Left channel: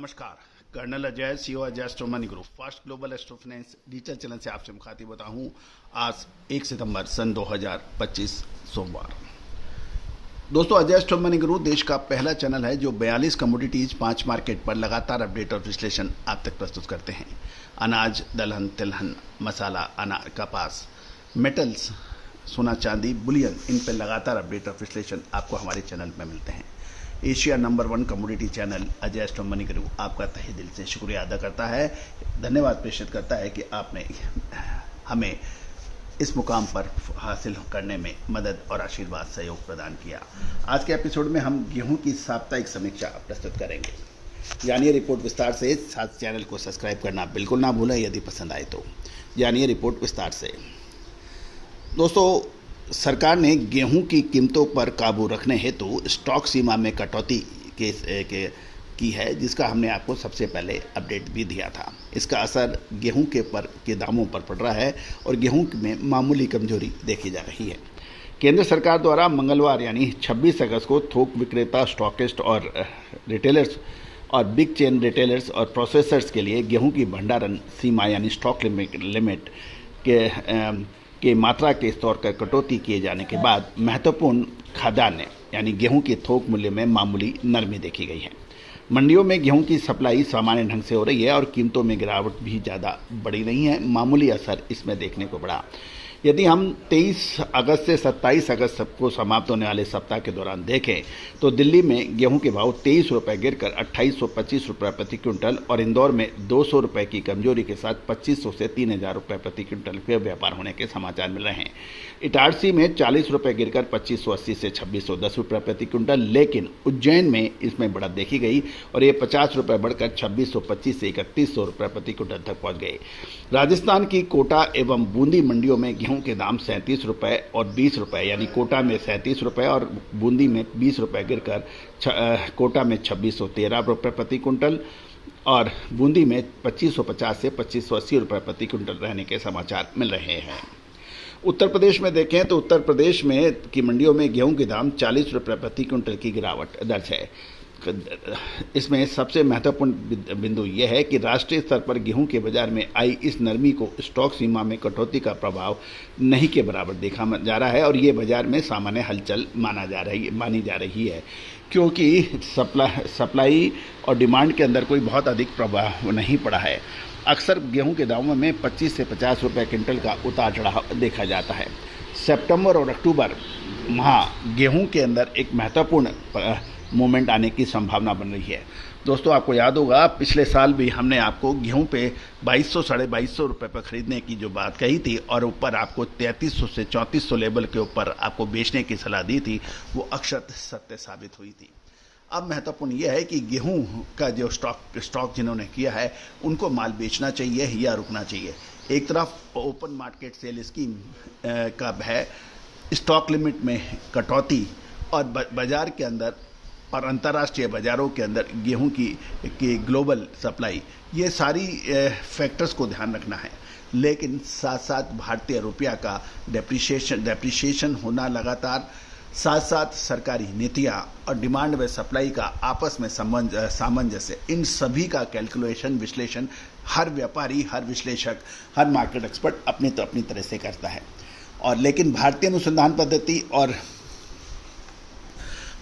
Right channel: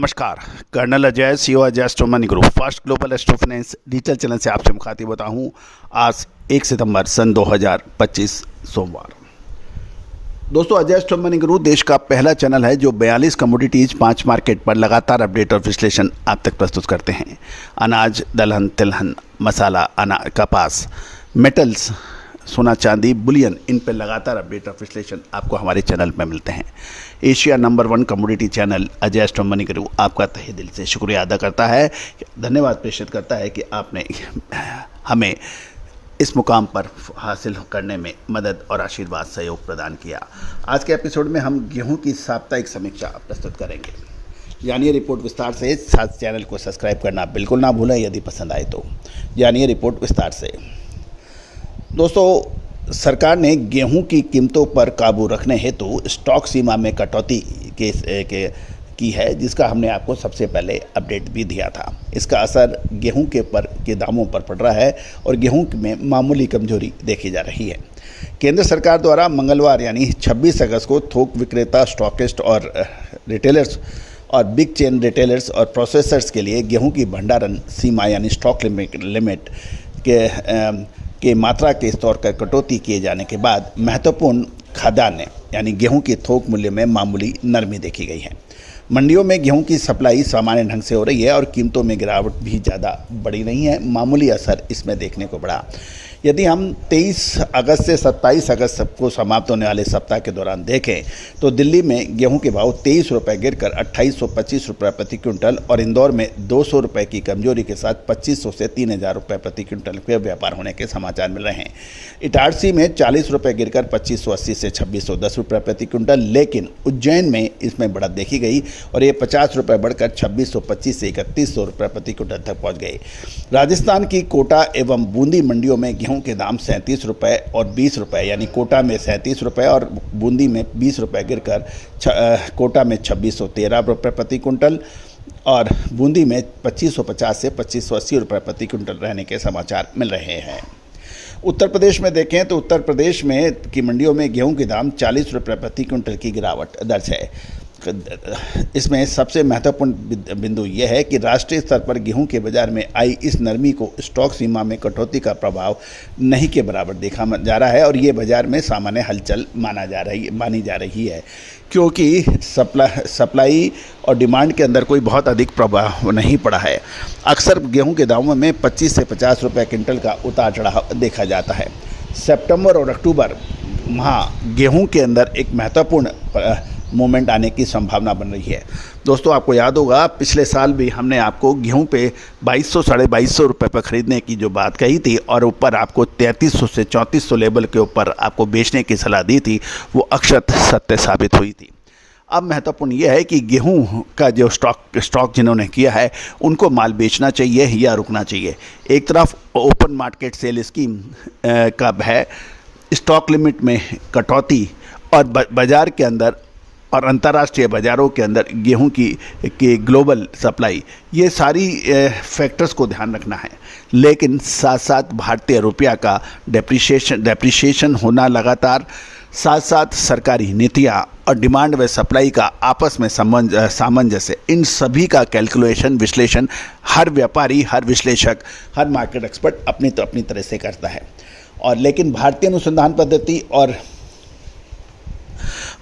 नमस्कार। Colonel Ajay, CEO Ajay Astro Money Group First Global Astro Finance digital channel से आपसे मुखातिब होता हूं। आज 1 सितंबर सन 2025 सोमवार। दोस्तों, अजय एस्ट्रो मनी ग्रुप देश का पहला चैनल है जो 42 कमोडिटीज 5 मार्केट पर लगातार अपडेट और विश्लेषण आप तक प्रस्तुत करते हैं। अनाज, दलहन, तिलहन, मसाला, कपास, मेटल्स, सोना, चांदी, बुलियन, इन पर लगातार अपडेट और विश्लेषण आपको हमारे चैनल पर मिलते हैं। Asia number 1 commodity channel Ajay Astro Money group आपका तहे दिल से शुक्रिया अदा करता है, धन्यवाद प्रेषित करता है कि आपने हमें इस मुकाम पर हासिल करने में मदद और आशीर्वाद सहयोग प्रदान किया। आज के एपिसोड में हम गेहूं की साप्ताहिक समीक्षा प्रस्तुत करेंगे। जानिए रिपोर्ट विस्तार से। साथ चैनल को सब्सक्राइब करना बिल्कुल ना भूलें। यदि पसंद आए तो जानिए रिपोर्ट विस्तार से। दोस्तों, सरकार ने गेहूं की कीमतों पर काबू रखने हेतु स्टॉक सीमा में कटौती की है, जिसका हमने आपको सबसे पहले अपडेट भी दिया था। इसका असर गेहूं के दामों पर पड़ रहा है और गेहूं में मामूली कमजोरी देखी जा रही है। केंद्र सरकार द्वारा मंगलवार यानी 26 अगस्त को थोक विक्रेता, स्टॉकिस्ट और रिटेलर्स और बिग चेन रिटेलर्स और प्रोसेसर्स के लिए गेहूं की भंडारण सीमा यानी स्टॉक लिमिट के मात्रा के स्तर पर कटौती किए जाने के बाद महत्वपूर्ण खाद्यान्न यानी गेहूं के थोक मूल्य में मामूली नरमी देखी गई है। मंडियों में गेहूं की सप्लाई सामान्य ढंग से हो रही है और कीमतों में गिरावट भी ज़्यादा बड़ी नहीं है। मामूली असर इसमें देखने को पड़ा। यदि हम 23 अगस्त से 27 अगस्त को समाप्त होने वाले सप्ताह के दौरान देखें तो दिल्ली में गेहूं के भाव 23 रुपये गिरकर 2825 रुपये प्रति क्विंटल और इंदौर में 200 रुपये की कमजोरी के साथ 2500 से 3000 रुपये प्रति क्विंटल के व्यापार होने के समाचार मिल रहे हैं। इटारसी में 40 रुपये गिरकर 2580 से 2610 रुपये प्रति क्विंटल, लेकिन उज्जैन में इसमें बढ़त देखी गई और ये 50 रुपये बढ़कर 2625 से 3100 रुपये प्रति क्विंटल तक पहुँच गए। राजस्थान की कोटा एवं बूंदी मंडियों में गेहूं के दाम 37 रुपये और 20 रुपये यानी कोटा में 37 रुपये और बूंदी में 20 रुपये गिरकर कोटा में 2613 रुपये प्रति क्विंटल और बूंदी में 2550 से 2580 रुपये प्रति क्विंटल रहने के समाचार मिल रहे हैं। उत्तर प्रदेश में देखें तो उत्तर प्रदेश में की मंडियों में गेहूं के दाम 40 रुपये प्रति क्विंटल की गिरावट दर्ज है। इसमें सबसे महत्वपूर्ण बिंदु यह है कि राष्ट्रीय स्तर पर गेहूं के बाजार में आई इस नरमी को स्टॉक सीमा में कटौती का प्रभाव नहीं के बराबर देखा जा रहा है और ये बाजार में सामान्य हलचल मानी जा रही है, क्योंकि सप्लाई और डिमांड के अंदर कोई बहुत अधिक प्रभाव नहीं पड़ा है। अक्सर गेहूं के दामों में 25 से 50 रुपये क्विंटल का उतार चढ़ाव देखा जाता है। सितंबर और अक्टूबर माह गेहूं के अंदर एक महत्वपूर्ण मोमेंट आने की संभावना बन रही है। दोस्तों, आपको याद होगा पिछले साल भी हमने आपको गेहूं पे 2200 साढ़े 2200 रुपये पर ख़रीदने की जो बात कही थी और ऊपर आपको 3300 से 3400 लेवल के ऊपर आपको बेचने की सलाह दी थी, वो अक्षत सत्य साबित हुई थी। अब महत्वपूर्ण यह है कि गेहूं का जो स्टॉक जिन्होंने किया है उनको माल बेचना चाहिए या रुकना चाहिए। एक तरफ ओपन मार्केट सेल स्कीम का है, स्टॉक लिमिट में कटौती और बाज़ार के अंदर और अंतर्राष्ट्रीय बाज़ारों के अंदर गेहूं की ग्लोबल सप्लाई, ये सारी फैक्टर्स को ध्यान रखना है। लेकिन साथ साथ भारतीय रुपया का डेप्रिसिएशन होना लगातार, साथ साथ सरकारी नीतियाँ और डिमांड व सप्लाई का आपस में सामंजस्य, इन सभी का कैलकुलेशन विश्लेषण हर व्यापारी, हर विश्लेषक, हर मार्केट एक्सपर्ट अपनी तरह से करता है। और लेकिन भारतीय अनुसंधान पद्धति और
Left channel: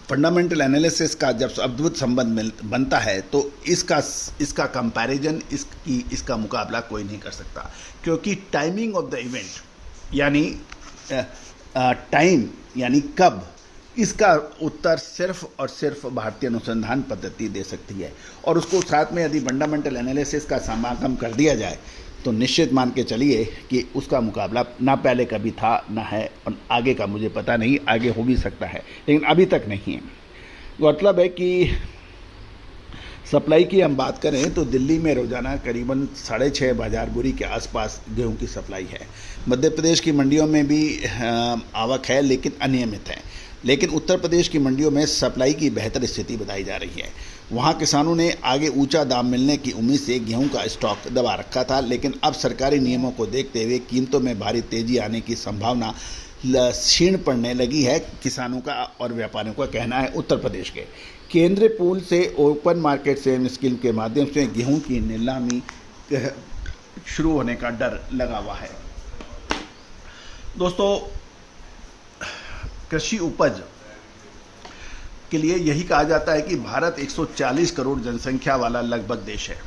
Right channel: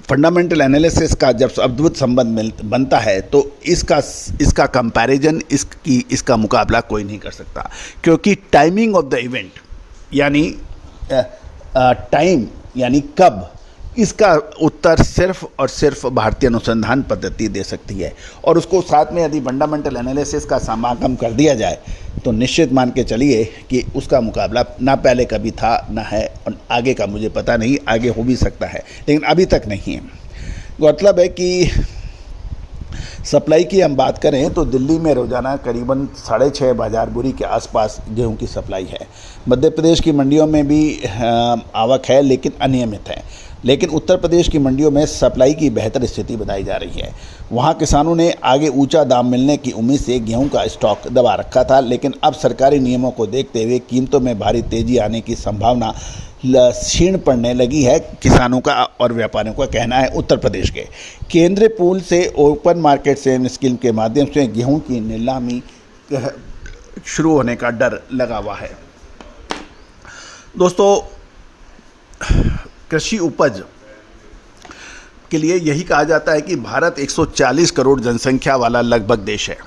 फंडामेंटल एनालिसिस का जब अद्भुत संबंध बनता है तो इसका कंपैरिजन, इसका मुकाबला कोई नहीं कर सकता, क्योंकि टाइमिंग ऑफ द इवेंट यानी टाइम यानी कब, इसका उत्तर सिर्फ और सिर्फ भारतीय अनुसंधान पद्धति दे सकती है। और उसको साथ में यदि फंडामेंटल एनालिसिस का समागम कर दिया जाए तो निश्चित मान के चलिए कि उसका मुकाबला ना पहले कभी था ना है और आगे का मुझे पता नहीं, आगे हो भी सकता है लेकिन अभी तक नहीं है। मतलब है कि सप्लाई की हम बात करें तो दिल्ली में रोज़ाना करीबन 6.5 बाजार बोरी के आसपास गेहूं की सप्लाई है। मध्य प्रदेश की मंडियों में भी आवक है लेकिन अनियमित है। लेकिन उत्तर प्रदेश की मंडियों में सप्लाई की बेहतर स्थिति बताई जा रही है। वहां किसानों ने आगे ऊंचा दाम मिलने की उम्मीद से गेहूं का स्टॉक दबा रखा था, लेकिन अब सरकारी नियमों को देखते हुए कीमतों में भारी तेजी आने की संभावना क्षीण पड़ने लगी है, किसानों का और व्यापारियों का कहना है। उत्तर प्रदेश के केंद्रीय पूल से ओपन मार्केट से स्कीम के माध्यम से गेहूं की नीलामी शुरू होने का डर लगा हुआ है। दोस्तों, कृषि उपज के लिए यही कहा जाता है कि भारत 140 करोड़ जनसंख्या वाला लगभग देश है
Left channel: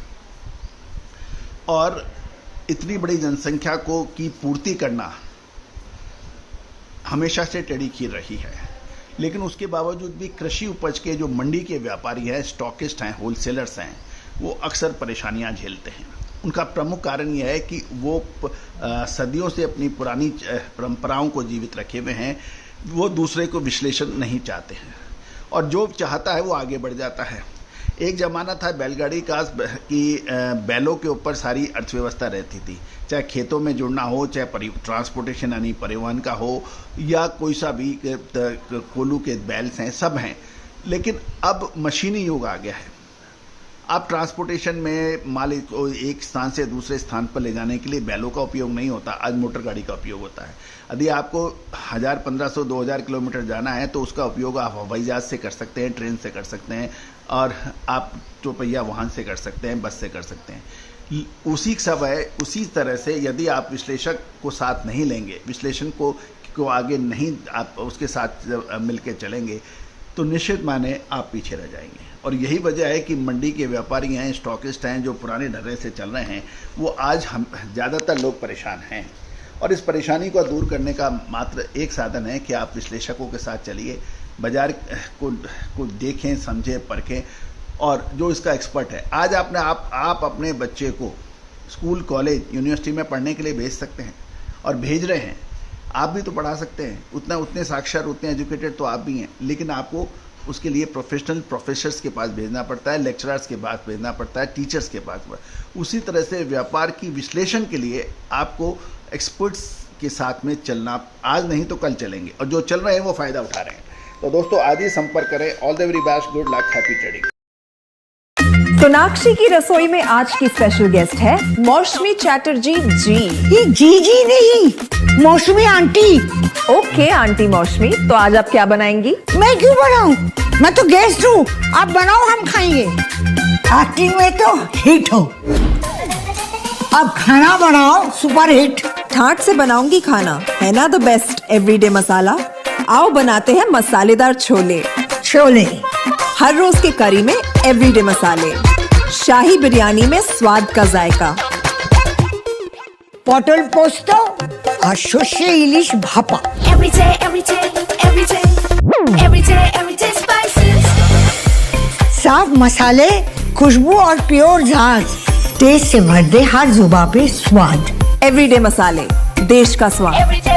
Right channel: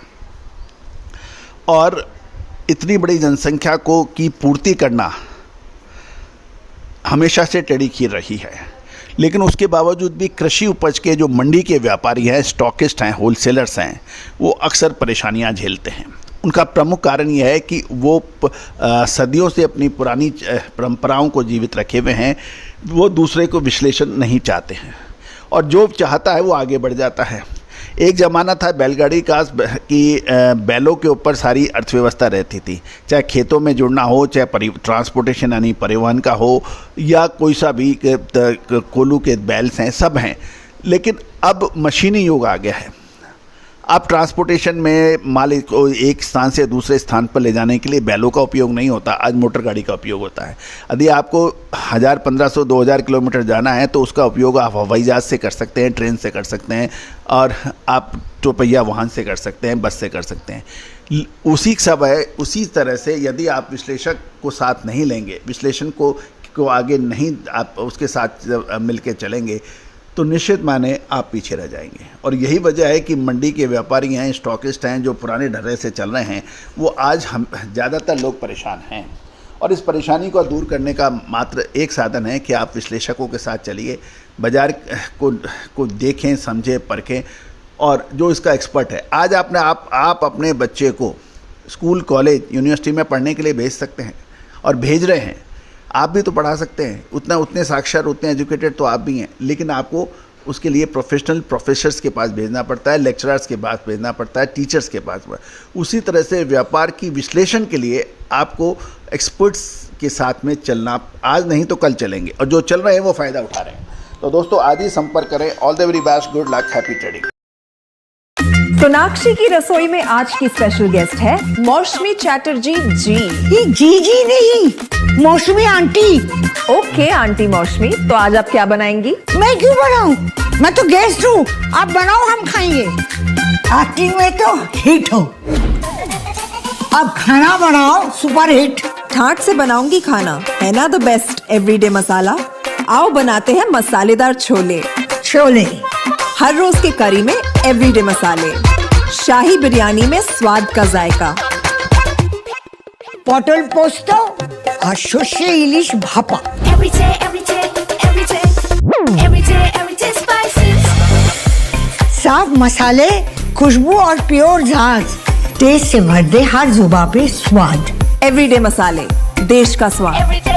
और इतनी बड़ी जनसंख्या को की पूर्ति करना हमेशा से टेढ़ी खीर रही है। लेकिन उसके बावजूद भी कृषि उपज के जो मंडी के व्यापारी हैं, स्टॉकिस्ट हैं, होलसेलर्स हैं, वो अक्सर परेशानियां झेलते हैं। उनका प्रमुख कारण यह है कि वो सदियों से अपनी पुरानी परंपराओं को जीवित रखे हुए हैं, वो दूसरे को विश्लेषण नहीं चाहते हैं और जो चाहता है वो आगे बढ़ जाता है। एक ज़माना था बैलगाड़ी का कि बैलों के ऊपर सारी अर्थव्यवस्था रहती थी, चाहे खेतों में जुड़ना हो, चाहे ट्रांसपोर्टेशन यानी परिवहन का हो, या कोई सा भी कोल्हू के बैल्स हैं, सब हैं। लेकिन अब मशीनी युग आ गया है। अब ट्रांसपोर्टेशन में माल को एक स्थान से दूसरे स्थान पर ले जाने के लिए बैलों का उपयोग नहीं होता, आज मोटर गाड़ी का उपयोग होता है। यदि आपको 1000, 1500, 2000 किलोमीटर जाना है तो उसका उपयोग आप हवाई जहाज़ से कर सकते हैं, ट्रेन से कर सकते हैं और आप चौपहिया वाहन से कर सकते हैं, बस से कर सकते हैं। उसी तरह से यदि आप विश्लेषक को साथ नहीं लेंगे, विश्लेषण को आगे नहीं आप उसके साथ मिल के चलेंगे तो निश्चित माने आप पीछे रह जाएंगे। और यही वजह है कि मंडी के व्यापारी हैं, स्टॉकिस्ट हैं, जो पुराने ढर्रे से चल रहे हैं, वो आज हम ज़्यादातर लोग परेशान हैं। और इस परेशानी को दूर करने का मात्र एक साधन है कि आप विश्लेषकों के साथ चलिए, बाज़ार को देखें, समझें, परखें और जो इसका एक्सपर्ट है। आज आप अपने बच्चे को स्कूल, कॉलेज, यूनिवर्सिटी में पढ़ने के लिए भेज सकते हैं और भेज रहे हैं। आप भी तो पढ़ा सकते हैं, उतने साक्षर, उतने एजुकेटेड तो आप भी हैं, लेकिन आपको उसके लिए प्रोफेसर्स के पास भेजना पड़ता है, लेक्चरर्स के पास भेजना पड़ता है, टीचर्स के पास। उसी तरह से व्यापार की विश्लेषण के लिए आपको एक्सपर्ट्स के साथ में चलना, आज नहीं तो कल चलेंगे, और जो चल रहे हैं वो फ़ायदा उठा रहे हैं। तो दोस्तों, आज ही संपर्क करें। All the very best, good luck, happy trading. Sonakshi की रसोई में आज की स्पेशल गेस्ट है मौसमी चैटर्जी जी। ये जी नहीं, मौसमी आंटी। ओके आंटी मौसमी, तो आज आप क्या बनाएंगी? मैं क्यों बनाऊं? मैं तो गेस्ट हूँ, आप बनाओ, हम खाएंगे। एक्टिंग में तो हिट हो, अब खाना बनाओ सुपर हिट। ठाट से बनाऊंगी खाना, है ना द बेस्ट एवरीडे मसाला। आओ बनाते हैं मसालेदार छोले। हर रोज के करी में एवरीडे मसाले, शाही बिरयानी में स्वाद का जायका। পটল পোস্ত আর সর্ষে ইলিশ ভাপা। साफ मसाले, खुशबू और प्योर झांझ, टेस्ट से भर दे हर जुबान पे स्वाद। एवरीडे मसाले, देश का स्वाद।